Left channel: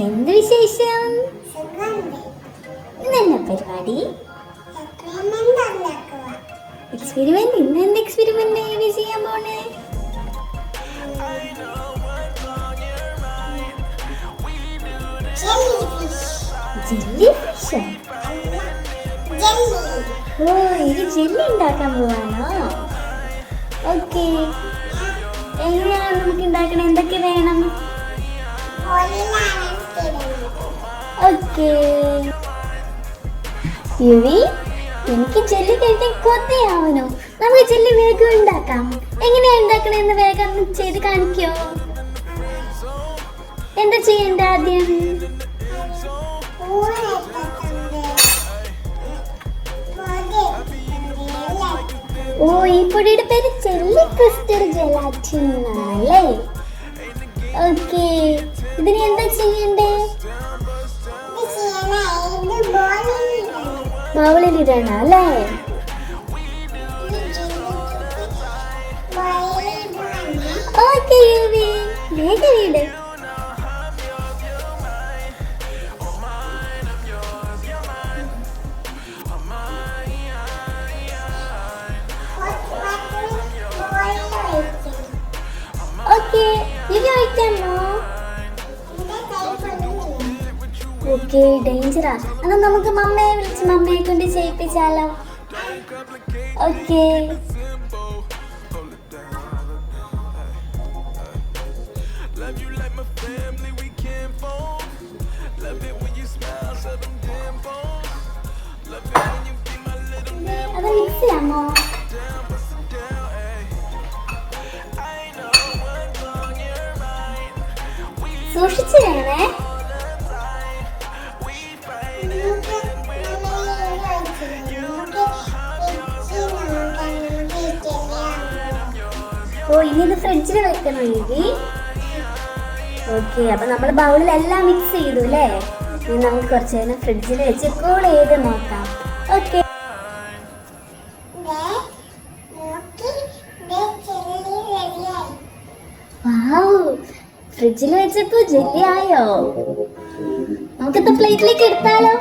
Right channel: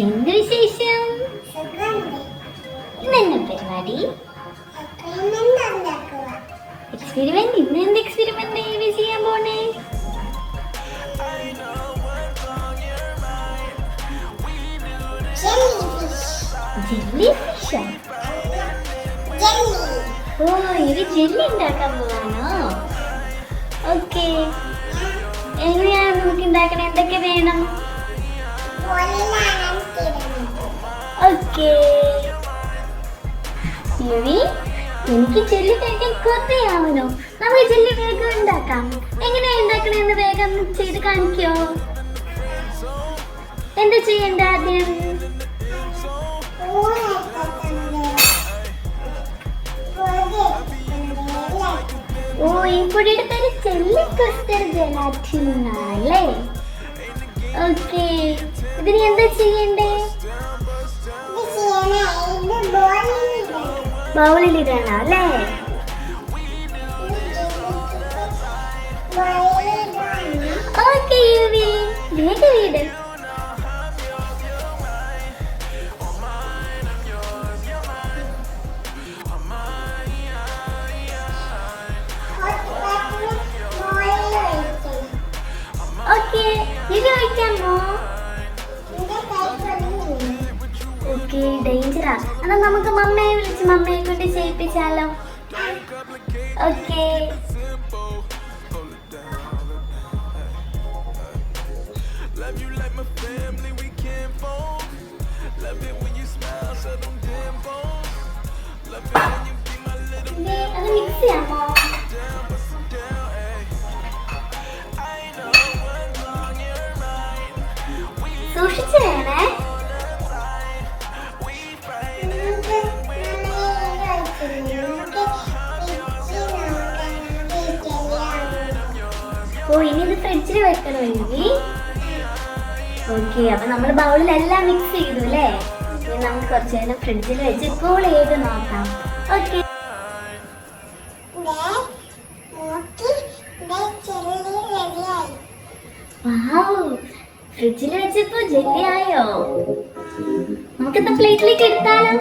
എന്ത് വിശേഷം? ഇന്നെന്താ പരിപാടി? എക്സ്പെരിമെന്റ്. ഇന്ന് എന്ത് എക്സ്പെരിമെന്റ് ചെയ്യാൻ പോണേ? Jelly fish. ഓ, ഇത് ജെല്ലി ഉണ്ടാക്കാൻ പോവാണോ? ഓക്കെ, എങ്ങനെയാണ് നമുക്ക് ഉണ്ടാക്കണം? എന്തൊക്കെ വേണം? ഓക്കെ യുവി, എനിക്ക് ജെല്ലി കഴിക്കാൻ കൊതിയാവുന്നു. നമുക്ക് ജെല്ലി വേഗം ഉണ്ടാക്കാം. എങ്ങനെയാ ഉണ്ടാക്കണെന്ന് വേഗം ചെയ്ത് കാണിക്കോ? എന്താ ചെയ്യണ്ട ആദ്യം? ഓ, ഈ പൊടിയുടെ പേര് ജെല്ലി ക്രിസ്റ്റൽ ജെലാറ്റിൻ എന്നാണല്ലേ? ഓക്കെ, ഇതിന് എന്താ ചെയ്യണ്ടേ? ബൗളിൽ ഇടണം അല്ലേ? ഓക്കെ യുവി, വേഗം ഇട്. ഓക്കെ, ഇത് കഴിക്കാമോ? ഓക്കെ, ഡേഞ്ചറാ. എന്നാൽ നമുക്ക് മമ്മയെ വിളിച്ച് മമ്മയെ കൊണ്ട് ചെയ്യിപ്പിച്ചാലോ? ഓക്കെ, സൂക്ഷിച്ചു വേണേ. ഓ, ഇനി ഇത് ഫ്രിഡ്ജിൽ വെക്കണം യുവി. ഓക്കെ, അപ്പൊ നമ്മൾ ബൗളിലെല്ലാം മിക്സ് ചെയ്തു അല്ലേ? ഇനി നമുക്ക് കുറച്ച് നേരം ഫ്രിഡ്ജിൽ വെച്ച് കൂൾ ചെയ്ത് നോക്കാം. ഓക്കെ, ഫ്രിഡ്ജിൽ വെച്ചപ്പോ ജെല്ലി ആയോ? നമുക്കെന്താ പ്ലേറ്റിലേക്ക് എടുത്താലോ?